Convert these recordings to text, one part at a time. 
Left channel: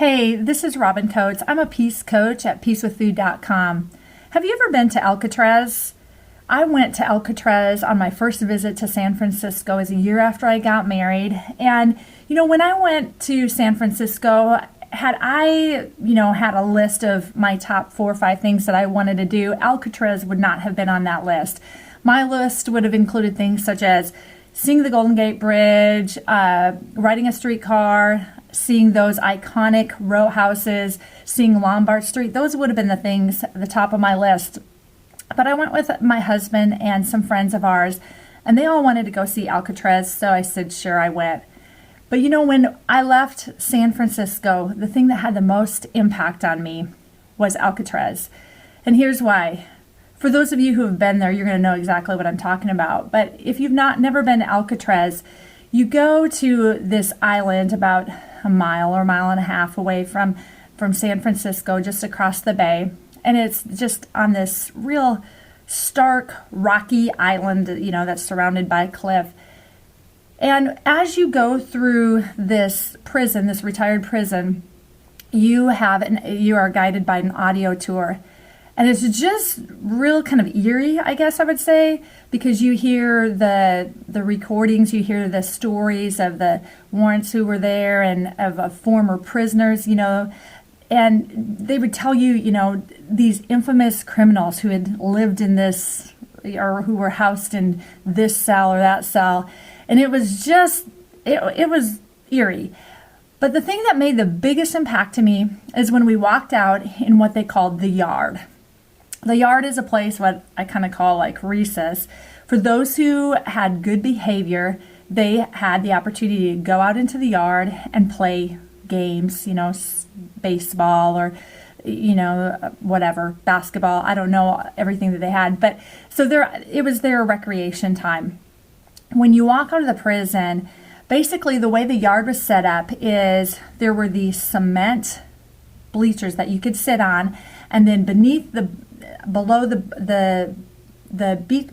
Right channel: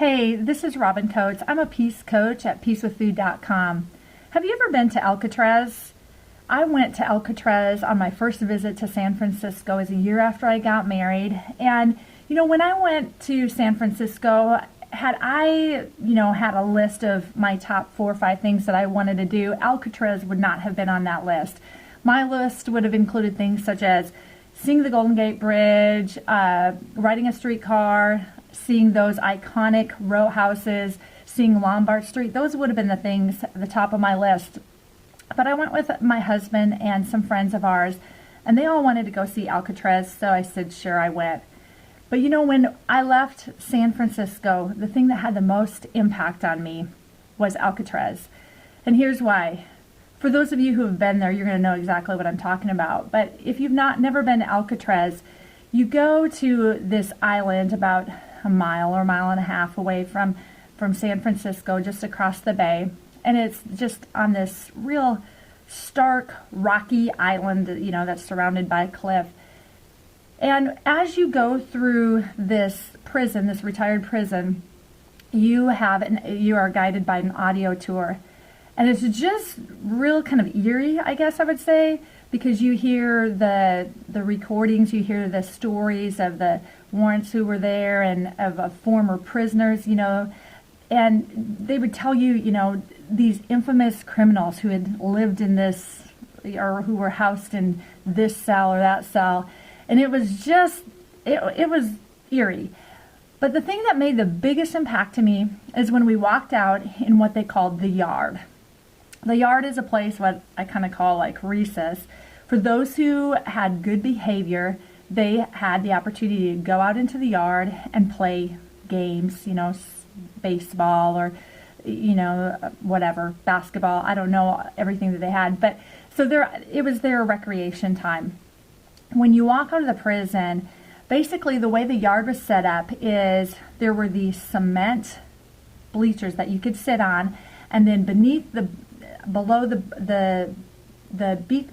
Hey, this is Robin Coates. I'm a peace coach at peacewithfood.com. Have you ever been to Alcatraz? I went to Alcatraz on my first visit to San Francisco. It was a year after I got married. And, when I went to San Francisco, had I, had a list of my top 4 or 5 things that I wanted to do, Alcatraz would not have been on that list. My list would have included things such as seeing the Golden Gate Bridge, riding a streetcar, seeing those iconic row houses, seeing Lombard Street. Those would have been the things at the top of my list. But I went with my husband and some friends of ours, and they all wanted to go see Alcatraz, so I said, sure, I went. But when I left San Francisco, the thing that had the most impact on me was Alcatraz. And here's why. For those of you who have been there, you're going to know exactly what I'm talking about. But if you've never been to Alcatraz, you go to this island about a mile or a mile and a half away from San Francisco, just across the bay. And it's just on this real stark, rocky island, that's surrounded by a cliff. And as you go through this prison, this retired prison, you are guided by an audio tour. And it's just real kind of eerie, I guess I would say, because you hear the recordings, you hear the stories of the warrants who were there and of former prisoners, and they would tell you, these infamous criminals who had lived in this or who were housed in this cell or that cell. And it was just, it was eerie. But the thing that made the biggest impact to me is when we walked out in what they called the yard. The yard is a place what I kind of call like recess. For those who had good behavior, they had the opportunity to go out into the yard and play games, baseball or, whatever, basketball. I don't know everything that they had. But so it was their recreation time. When you walk out of the prison, basically the way the yard was set up is there were these cement bleachers that you could sit on, and then below the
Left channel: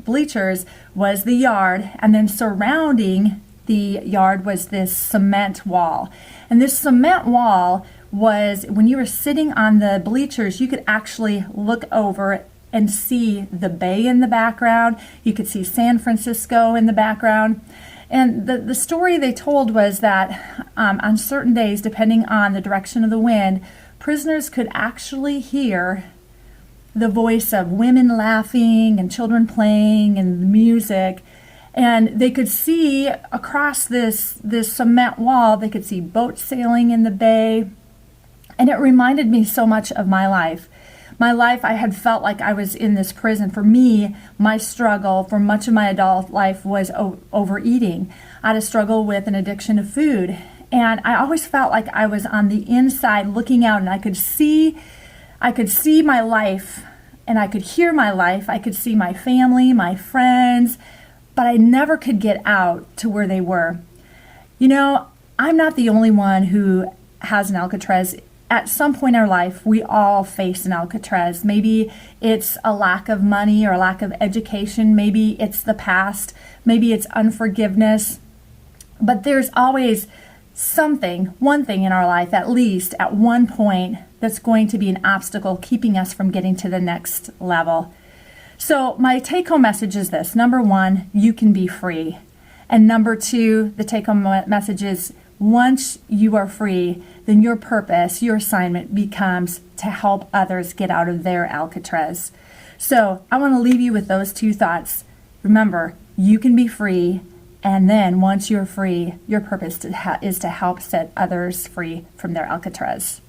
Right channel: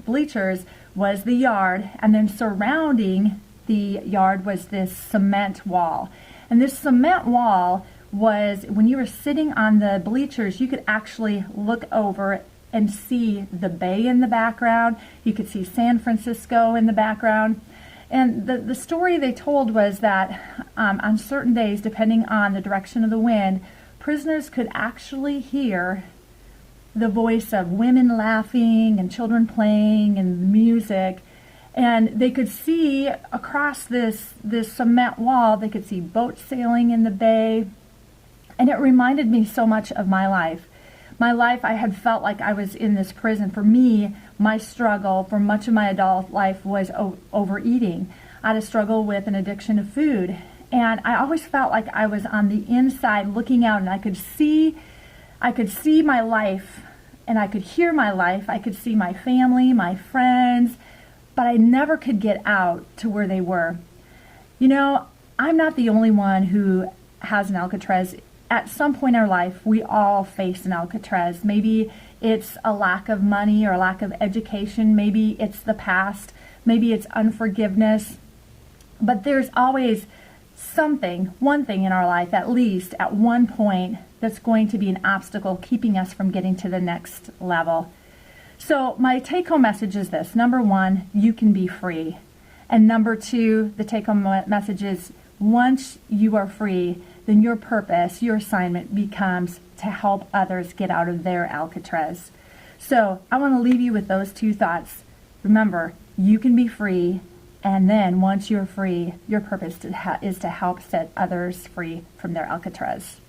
bleachers was the yard, and then surrounding the yard was this cement wall. And this cement wall was, when you were sitting on the bleachers, you could actually look over and see the bay in the background. You could see San Francisco in the background. And the story they told was that on certain days, depending on the direction of the wind, prisoners could actually hear the voice of women laughing and children playing and music. And they could see across this cement wall, they could see boats sailing in the bay. And it reminded me so much of my life. My life, I had felt like I was in this prison. For me, my struggle for much of my adult life was overeating. I had a struggle with an addiction to food. And I always felt like I was on the inside looking out, and I could see my life, and I could hear my life. I could see my family, my friends, but I never could get out to where they were. I'm not the only one who has an Alcatraz. At some point in our life, we all face an Alcatraz. Maybe it's a lack of money or a lack of education. Maybe it's the past. Maybe it's unforgiveness. But there's always one thing in our life, at least at one point, that's going to be an obstacle keeping us from getting to the next level. So my take-home message is this. Number 1, you can be free. And number 2, the take-home message is, once you are free, then your purpose, your assignment becomes to help others get out of their Alcatraz. So I want to leave you with those 2 thoughts. Remember, you can be free, and then once you're free, your purpose is to help set others free from their Alcatraz.